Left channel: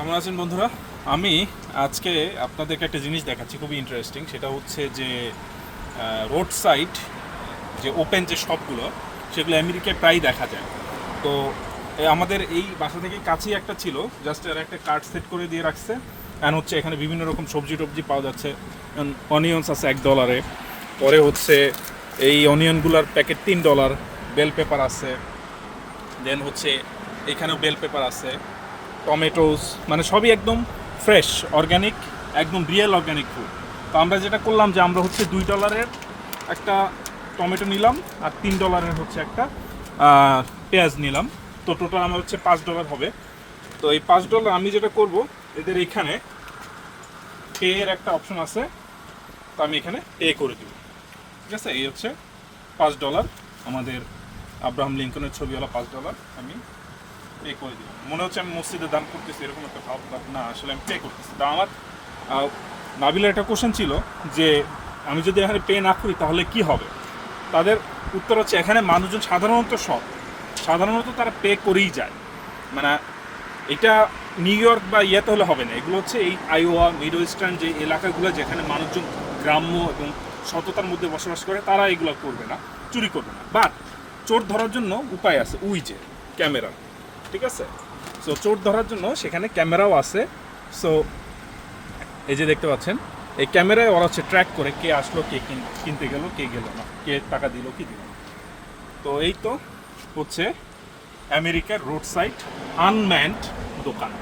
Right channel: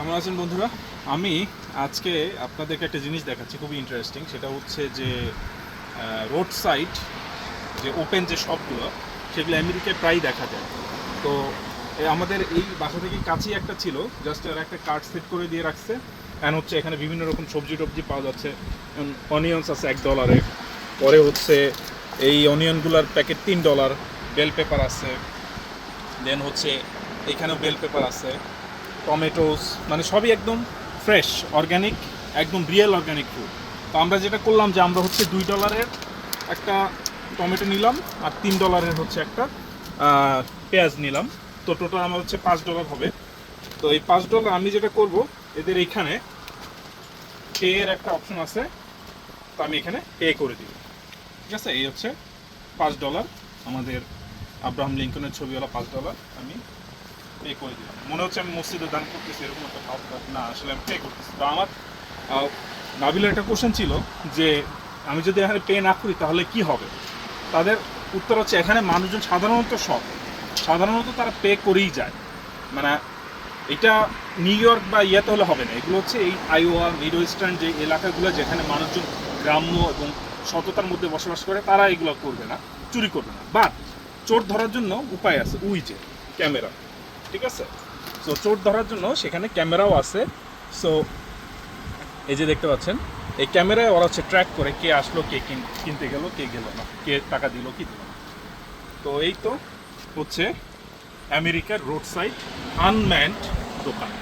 কেমন আছেন বন্ধুরা? আমি আজকে আপনাদেরকে একটা জিনিস দেখাচ্ছি, খুবই ইন্টারেস্টিং সেটা হচ্ছে যে রোড সাইড যে ওপেন যে শপগুলো সেগুলো আমেরিকায় প্রায় দেখা যায়। তো আমাদের এই বাসা থেকে কাছেই একটা ছিল জাস্ট এর একটা কার্ড সেট করে দিয়ে রাখছে। অ্যান্ড হচ্ছে এখানে বিভিন্ন রকম সবজি টবজি পাওয়া যাচ্ছে। অনিয়ন্স আছে এক ডলারে পরে হচ্ছে এই অনিয়নগুলোর প্যাকেট তিন ডলার বেল পেপার আছে। দেন হচ্ছে এখানেও বেল পেপার আছে। টমেটোস মানে সবই একদম ফ্রেশ অর্গ্যানিক একদম রিয়েল অর্গ্যানিক ফুড তো আমরা যেটা করলাম যে আমরা হচ্ছে দুই ডলারের একটা টমেটো নিলাম আর তিন ডলারের হচ্ছে একটা পেঁয়াজ নিলাম। তো টোটাল আমার হচ্ছে পাঁচ ডলার হবে। তো এই পাঁচ ডলার আমি যেটা করব, এদের এইখানে পে এর একটা অপশন আছে, তো আমি এখানে পে করে দিব। ঠিক আছে? এই হচ্ছে পাঁচ ডলার আমাদের আব্রাহাম লিঙ্কনের ছবিওয়ালা পাঁচ ডলার আমি পে করে দিলাম। মনে হচ্ছে আমি মসজিদে দান করতেছি, এরকম একটা ভাব না, আসলে আমি পে করতেছি। তো আমার নাবিলের একটা কোশ্চেন ছিল যে, আমি যদি এখানে পে না করি তাহলে কি হবে? তাদের উত্তর হচ্ছে, এখানে মানুষজন সাধারণত সব সাধারণত তারা পে করেই যায়। মানে এটা নিউ ইয়র্ক বা ইয়েতে হলে হবে না। এগুলো হচ্ছে এই আইওয়া মিডল ইস্টার্ন যে এলাকাগুলো যেখানে মানুষজন গ্রাম্য এবং সততার মধ্যে বসবাস করে, তারা এগুলো করবে না, চুরি করবে না। বাট চোর ধরার জন্য উপায় আছে উইজে ক্যামেরা। ঠিক আছে? সো চোর ধরার জন্য সেখানে ক্যামেরাও আছে। সো এই যে দেখতে পাচ্ছেন, এই ক্যামেরায় ওরা হচ্ছে ট্র্যাক করে কে আসলো, কে কিনতে গেল, কে গেল না, কে টাকা দিল, কি দিল না। তো এই তো হচ্ছে আমেরিকার রোড সাইড আনম্যান্ড দোকান।